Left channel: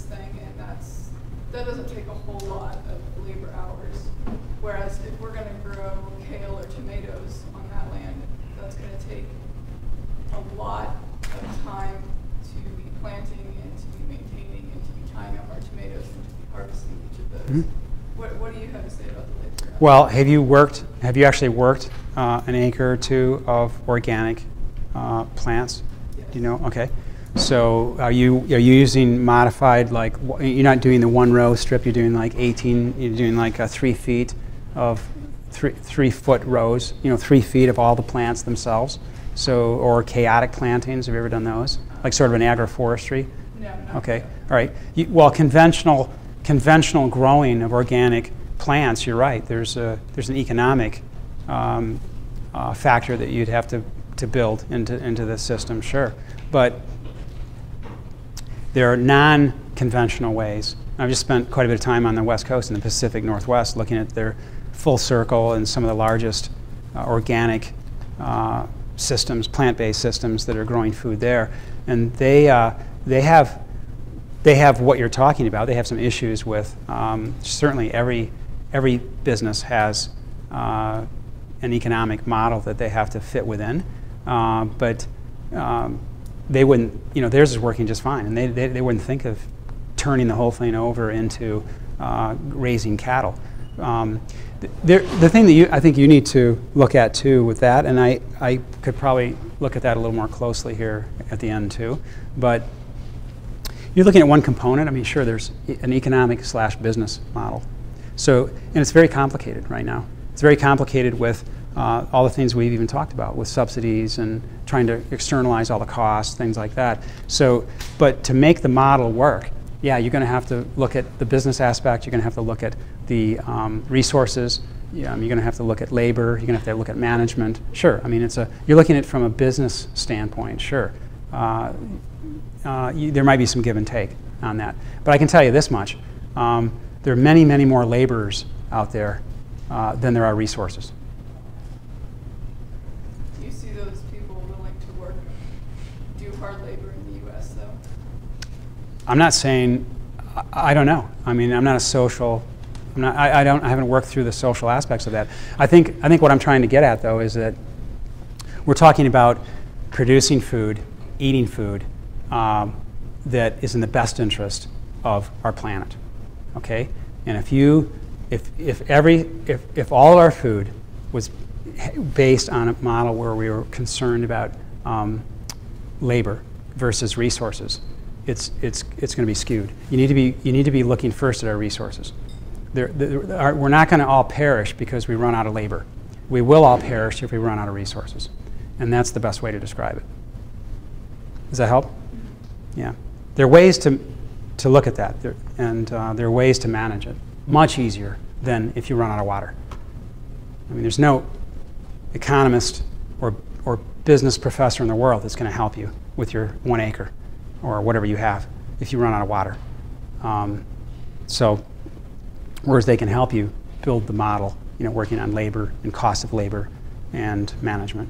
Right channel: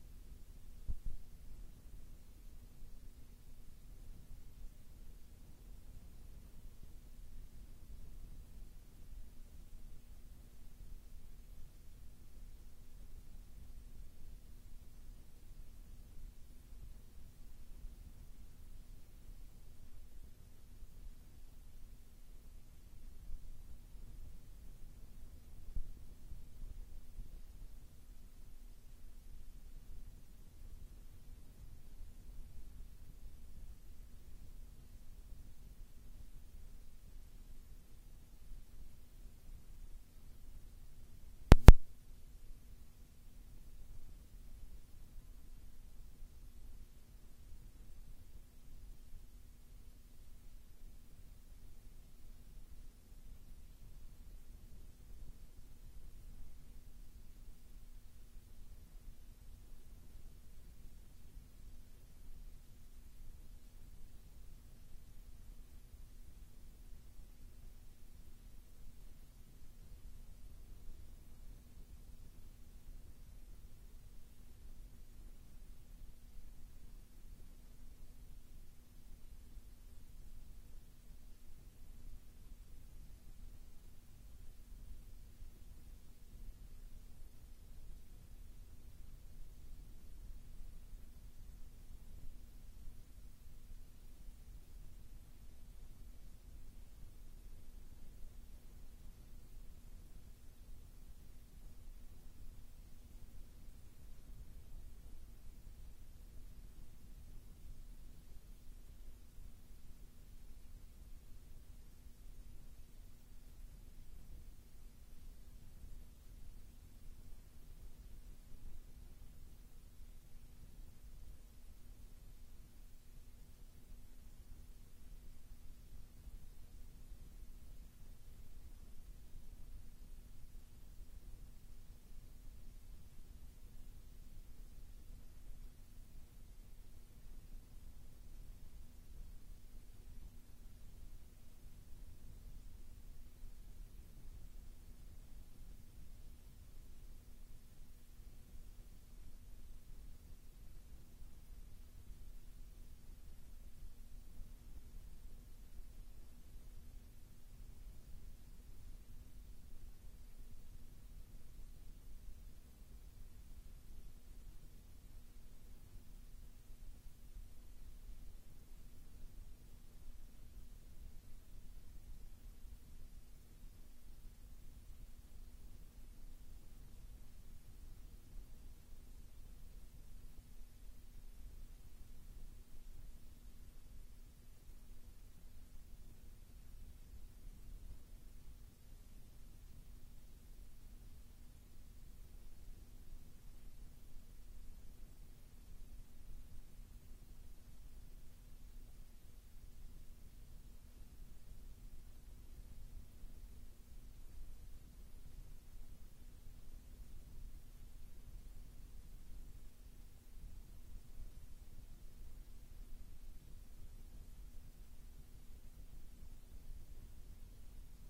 this thing, and that doesn't take a whole lot of labor hours. Whereas if we're going to grow kale or tomatoes on that land, that's going to take a lot of time to be planting and to be maintaining and to be tying up our tomatoes and to be harvesting each of those. Mm-hmm. What do you have to say about the labor? Well, have you actually worked an acre or two of organic plants? Yes. Do you know? Okay. So are you using modified, like, you're not doing the one row strip, you're doing like 18, you're doing like 3 feet of 3 foot rows, 3 feet of all the plants themselves. So, or chaotic plantings, have you ever done those? Like sort of an agroforestry? No. Okay, all right. Well, conventional growing of organic plants, you're right, there's an economic factor that you'd have to build into the system, sure. But there are non-conventional ways. I've just spent quite a bit of time on the West Coast and the Pacific Northwest looking at their Full Circle and some of the largest organic systems, plant-based systems that are growing food there. And they have what you're talking about. They have some issues with, certainly every business has an economic model that they have to fit within. But they wouldn't, theirs is working just fine, and they wouldn't think of turning the whole thing over into raising cattle. The thing that I think you need to look at too with that, and I could probably look at that a little more closely here at the end too, but you're looking at one component. I mean, sure, there's an economic / business model. So, and it's very complicated right now. It's very complicated with all the things we've even talked about with subsidies and trying to externalize all the costs, things like that. So, but to make the model work, yeah, you're going to have to look at the business aspect. You're going to have to look at the resources. You're going to have to look at labor. You're going to have to look at management. Sure, I mean, you're looking at it from a business standpoint. Sure, there might be some give and take on that. But I can tell you this much: there are many, many more laborers out there than there are resources. Do you see those people willing to do hard labor in the U.S. though? I'm not saying. I don't know. I mean, I'm not a social. I haven't worked through the social aspects of that. I think what I'm trying to get at though is that we're talking about producing food, eating food that is in the best interest of our planet. Okay, and if all of our food was based on a model where we were concerned about labor versus resources, it's going to be skewed. You need to be looking first at our resources. We're not going to all perish because we run out of labor. We will all perish if we run out of resources, and that's the best way to describe it. Does that help? Yeah. There are ways to look at that, and there are ways to manage it much easier than if you run out of water. I mean, there's no economist or business professor in the world that's going to help you with your 1 acre or whatever you have if you run out of water. So, whereas they can help you build the model, working on labor and cost of labor and management.